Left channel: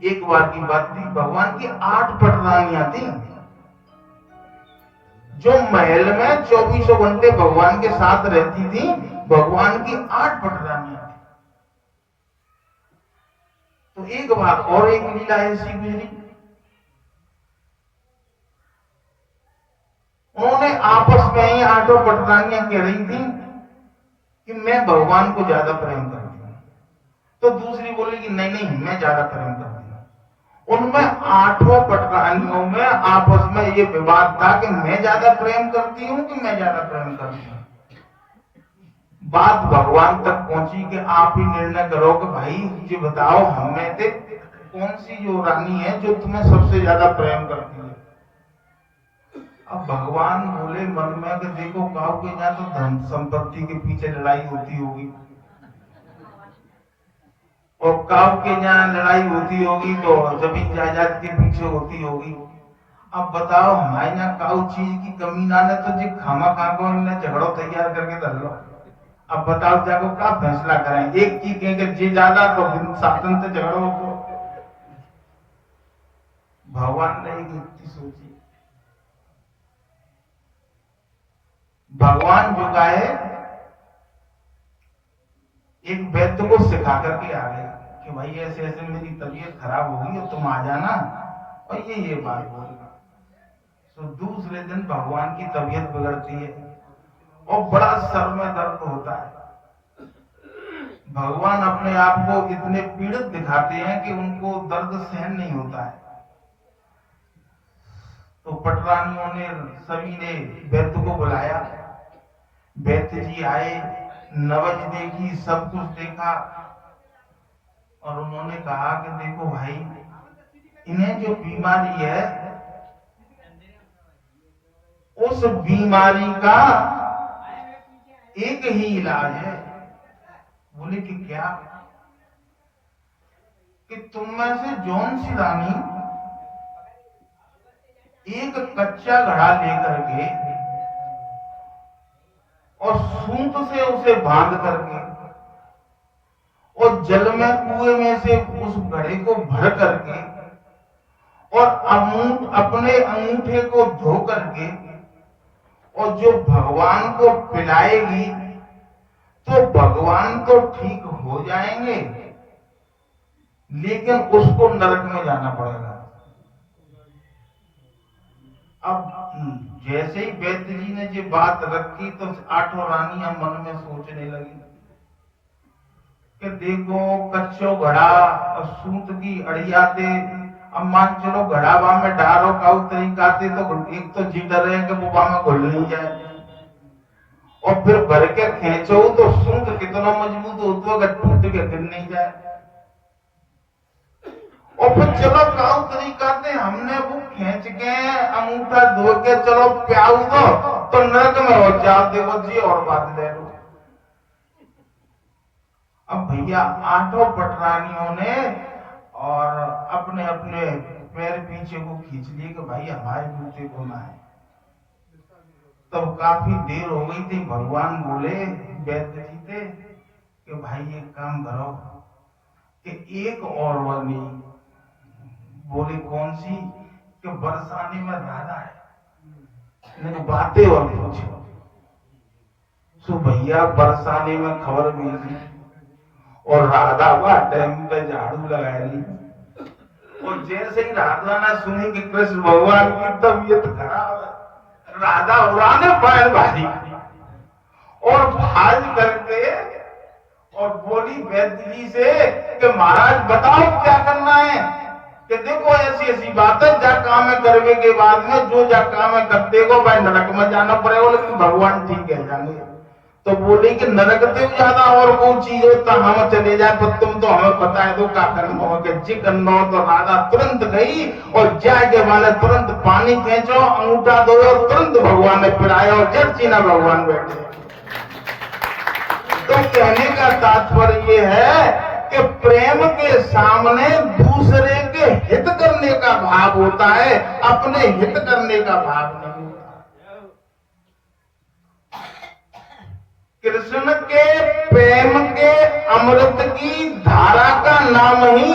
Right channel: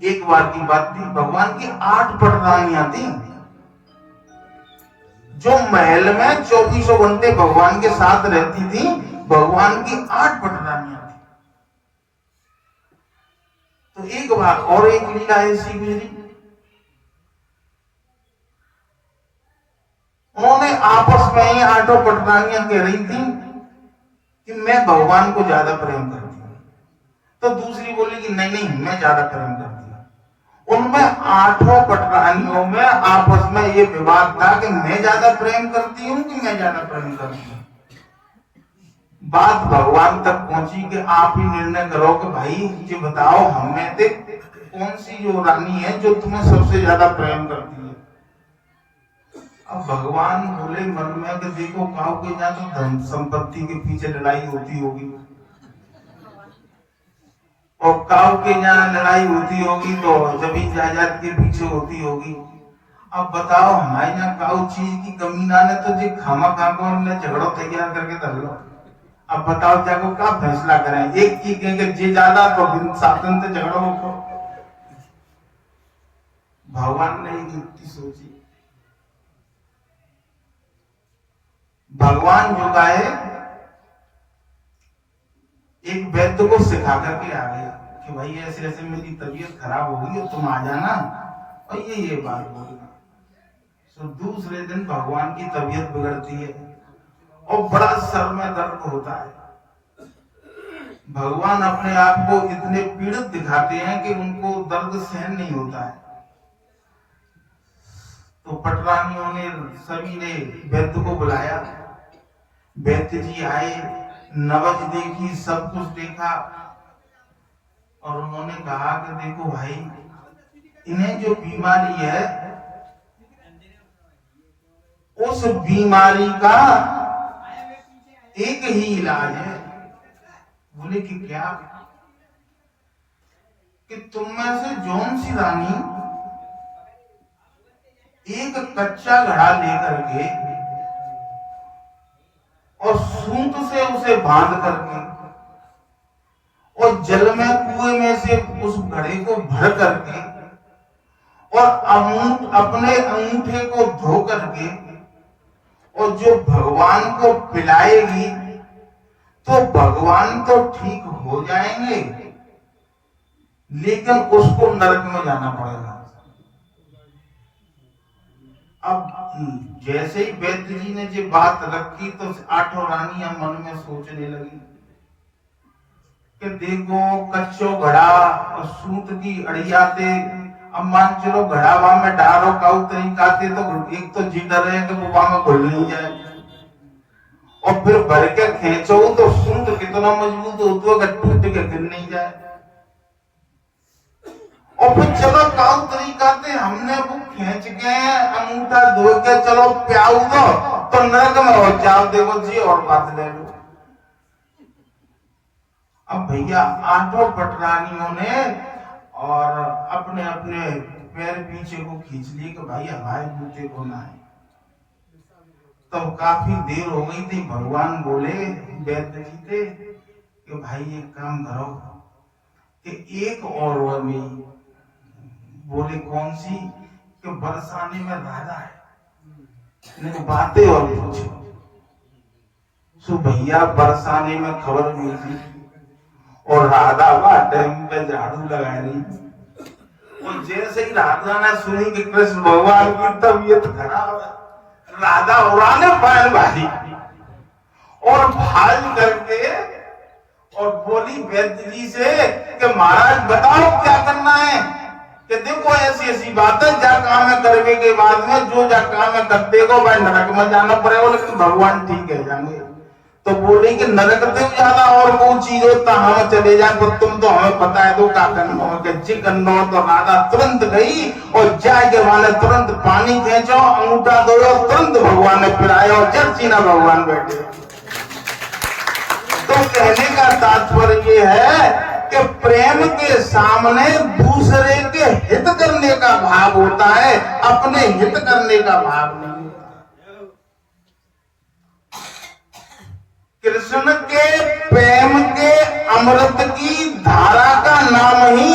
एक बार की बात थी, भगवान की 8 पटरानियां थी जो महल में 24 घंटे भगवान के साथ रहती थी। भगवान की 8 पटरानियां थी। तो एक बार और एक लीला ऐसी गुजरी, उन्होंने आपस में ही 8 पटरानियां कह रही थी कि मैं भगवान को ज्यादा प्रेम करती हूँ। तो दूसरी बोली कि नहीं नहीं मैं ज्यादा प्रेम करती हूँ। उनमें 8 पटरानियों में आपस में ये विवाद था कि मैं ज्यादा प्रेम करती हूँ कि मैं ज्यादा प्रेम करती हूँ। बात भगवान तक पहुंची कि आप ही निर्णय करो कि भाई ये बताओ हम में से कौन सी जो रानी है जो तुम्हें सबसे ज्यादा प्रेम करती है। अब भगवान बोले मन में कि देखो काऊ के यहाँ तो धन संपत्ति के पीछे लड़ाई होती होगी और काऊ के यहाँ लड़ाई होती होगी तो जमीन जायदाद के पीछे होती होगी। अब बताओ हमारे यहाँ काऊ चीज की कमी ना ने तो जी खामा खाको ने झगड़ो तैयार करके कर लो। अब बताओ जाको क्या फैसला करें, एक चीज कहेंगे जे ज्यादा तो शासन से झगड़ो को। भगवान ने एक युक्ति सोची। भगवान जो है एक वैद्य को सिखा करके आ गए कि भाई ऐसे ऐसे मेरी तबीयत खराब होगी तुम आ जाना और ये बात बोलना। तो दूसरे दिन भगवान की तबीयत बिगड़ती है और बड़ा सर में दर्द होता है। भगवान अपने आप को इतने पीड़ित दिखाते हैं कि उनको दर्द सहन नहीं होता है। तो पटरानियों ने सभी ने वैद्य को बुलाया। वैद्य जी आए, नबज देखी, सब कुछ देखा और उन्होंने कहा कि देखो भाई इन्हें जो बीमारी है उस बीमारी का एक ही इलाज है। बोले कि क्या? कि तुम में से जौन सी रानी एक कच्चा घड़ा लेकर के और सूत से उसे बांध करके और जल में कुएं में से उस घड़े को भर करके और अपने अंगूठे को धो करके और जो भगवान को पिलाएगी तो भगवान तो ठीक हो जाएंगे लेकिन उसको नरक में जाना पड़ेगा। अब जैसे ही वैद्य जी ने ये बात रखी तो 8 रानियां मन में सोचने लगी कि देखो कच्चो घड़ा और सूत की अड़िया थे। अब मान चलो घड़ा वहां में डारो का तरीका थे तो एक तो जी डर है कि वो वहां में घुल नहीं जाए और फिर भर के खींचो तो सूत कितना मजबूत होता है टूट के गिर नहीं जाए। और फिर चलो काउ तरीका थे हमने वो खींच के अंगूठा धो के चलो प्याऊ दो तो नरक में हो जाओ। देखो जी और बात ले लो। अब भैया 8 पटरानियों ने और अपने अपने पैर पीछे को खींच लिए कि भाई हमारे जूते को ना है। तब काफी देर हो गई थी। भगवान बोले वैद्य जी थे कि भाई एक काम करो कि एक और वही बोले कौन सी? कि बरसाने में राधा है बातें और पूछो। सो भैया बरसाने में खबर मिली और राधा वह टाइम पे झाड़ू लगा रही और जैसे ही राधा ने सुनी कि कृष्ण भगवान की तबीयत खराब है राधा उड़ाने पाए भाई और भाग करके और बोली वैद्य जी से कि महाराज बताओ क्या करना है। कि देखो ऐसी ऐसी बात है जा काम करने के बाद में जो जा काम करते को भाई नरक में जाना पड़ेगा लेकिन भगवान ठीक है जाने। तो बोले कि नरक से ज्यादा और वो चीज होता हम चले जाए पर तुम तो हमें पता है तो का करना हो कि जी करना हो। तो राधा तुरंत गई और जाए के वाले तुरंत पानी खींचो अंगूठा दो तुरंत भगवान ने पिलाया और जल चीना भगवान बैठे। तो कहने का तात्पर्य ये है कि प्रेम के सामने दूसरे के हित करने का भाव होता है अपने हित करने का भाव नहीं होता। कृष्ण के प्रेम के अमृत की धारा का नाम ही